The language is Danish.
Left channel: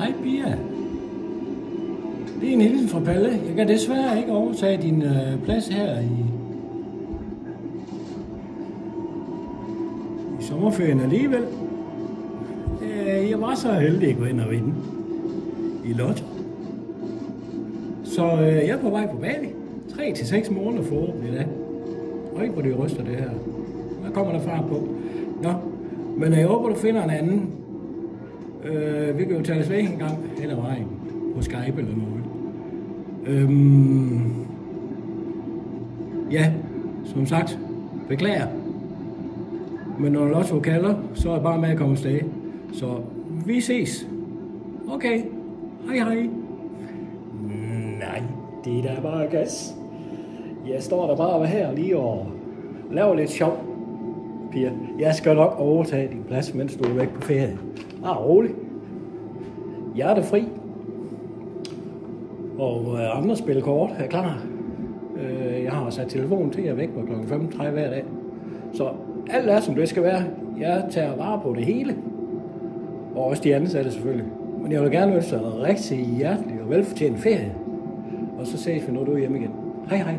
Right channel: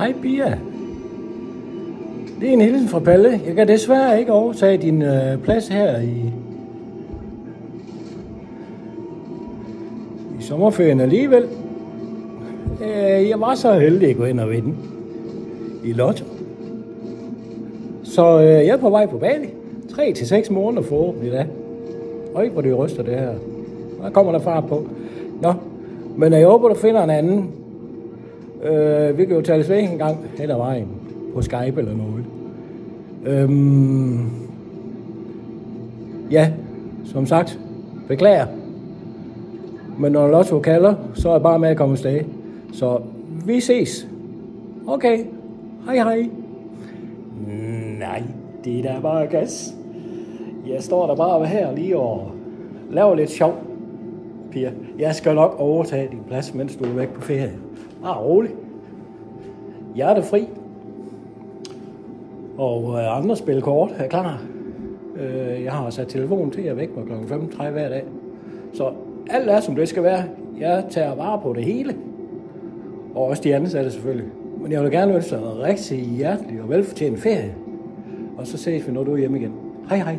Hej Pia. Det er en hilsen fra Palle. Jeg kan desværre ikke overtage din plads her i sommerferien alligevel. Jeg var så heldig at gå ind og vinde i lotto. Så jeg er på vej på Bali. 3 til 6 måneder forhåbentlig da. Og ikke hvor det ryster det her. Der kommer der fart på. Nå, men jeg håber du finder en anden. Vi kan jo tales ved en gang hen ad vejen. På Skype eller noget. Ja, som sagt, beklager. Men når Lotto kalder, så er jeg bare med at komme afsted. Så vi ses. Okay, hej hej. Nej, det er da bare gas. Jeg står der bare her lige og laver lidt sjov, Pia. Jeg skal nok overtage din plads, mens du er væk på ferie. Bare rolig. Hjertefri. Og andre spiller kort er klar. Jeg har sat telefonen til at væk på kl. 5:30 hver dag. Så alt er som det skal være. Jeg tager vare på det hele. Og også de ansatte selvfølgelig. Men jeg vil gerne ønske dig en rigtig hjertelig og velfortjent ferie. Og så ses vi, når du er hjemme igen. Hej hej.